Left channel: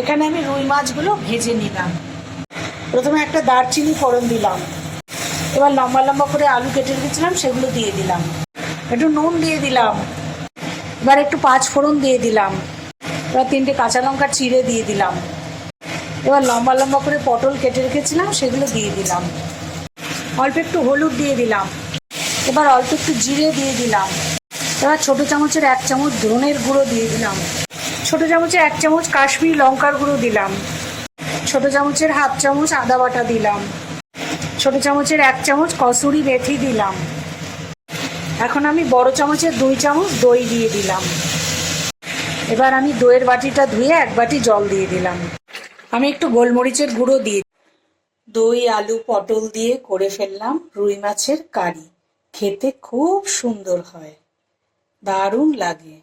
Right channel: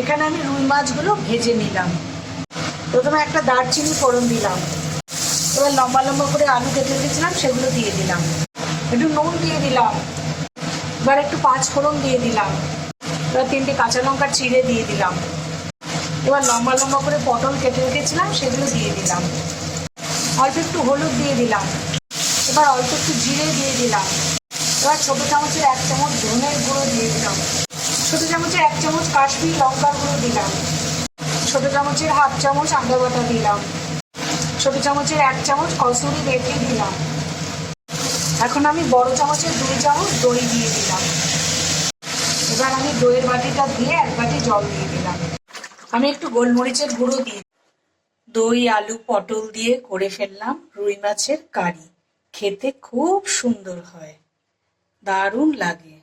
এখানে আমি রুই মাছগুলো ভেজে নিলাম। প্রথমে একটা দারচিনি ফোড়ন দিলাম, এবার লম্বা লম্বা করে আলু কেটে রেখেছিলাম সেগুলো দিয়ে দিলাম, একটু নুন দিয়ে দিলাম, এবার একটু পাঁচ ফোড়ন দিয়ে দিলাম, এবার 3টে কাঁচা লঙ্কা চিড়ে দিয়ে দিলাম, এবার লম্বা লম্বা করে পটল কেটে রেখেছিলাম সেগুলো দিয়ে দিলাম, অল্প একটু হলুদ দিয়ে দিলাম, এবার অল্প একটু জিরে দিয়ে দিলাম, এবার ছোটো চামচের 1 চামচ ধনের গুঁড়ো দিয়ে দিলাম, ছোটো চামচের 1 চামচ কাশ্মীরি লঙ্কার গুঁড়ো দিলাম, ছোটো চামচের 1/2 চামচ আদা বাটা দিলাম, ছোটো চামচের 1 চামচ কসুরি মেথি দিলাম। এখন আমি বড় চামচের 2 চামচ দই দিয়ে দিলাম। এবার আমি দইয়ের বাটিটা ধুয়ে 1 বাটি জল দিয়ে দিলাম। আমি একটু গোলমরিচের গুঁড়ো দিয়ে, দই আলু পটল দিয়ে করে ফেললাম রুই মাছের কারি। খেতে খুব সুন্দর হয়, দারুণ লাগে।